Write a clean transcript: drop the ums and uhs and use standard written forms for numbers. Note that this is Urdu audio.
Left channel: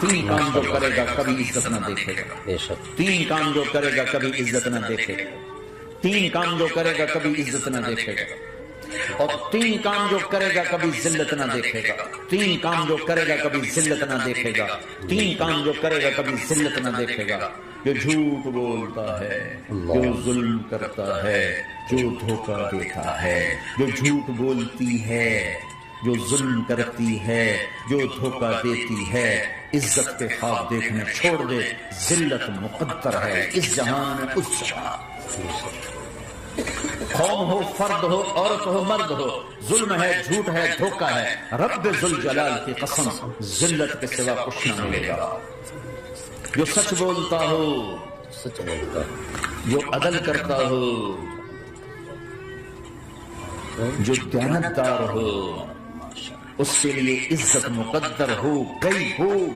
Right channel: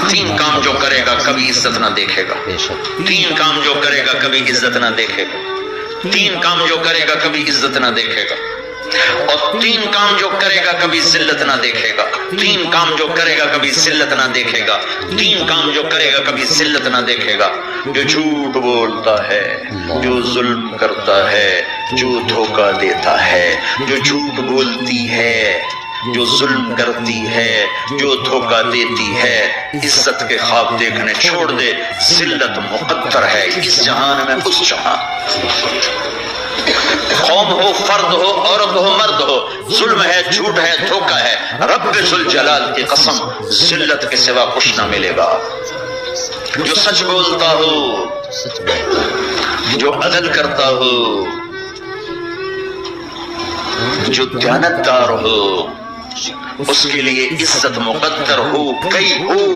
تین کام جو کرے گا کبھی عزت نہ دیکھے گا، تین کام جو کرے گا کبھی عزت نہ دیکھے گا، تین کام جو کرے گا کبھی عزت نہ دیکھے گا، اور تین کام جو کرے گا کبھی ذلت نہ دیکھے گا، تین کام جو کرے گا کبھی ذلت نہ دیکھے گا، تین کام جو کرے گا کبھی ذلت نہ دیکھے گا۔ جو جھوٹ بولتا ہے، جو ظلم کرتا ہے، جو دھوکہ دیتا ہے، جو جھوٹ بولتی ہے، جو ظلم کرتی ہے، جو دھوکہ دیتی ہے، عزت کے خواب دیکھنے چھوڑ دے، ذلت مقدر ہے اس جہان میں اس جہان۔ قوم ہو، فرد ہو، عورت ہو، مرد ہو، ظلم ہے، جھوٹ ہے، دھوکہ ہے، رب ذوالجلال کی قسم ذلت کے سوا کچھ نہ ملے گا۔ جو سچ بولتا ہو، جو عدل کرتا ہو، جو دیانتدار ہو، اس کے لیے عزت مقدر ہو گئی ہو۔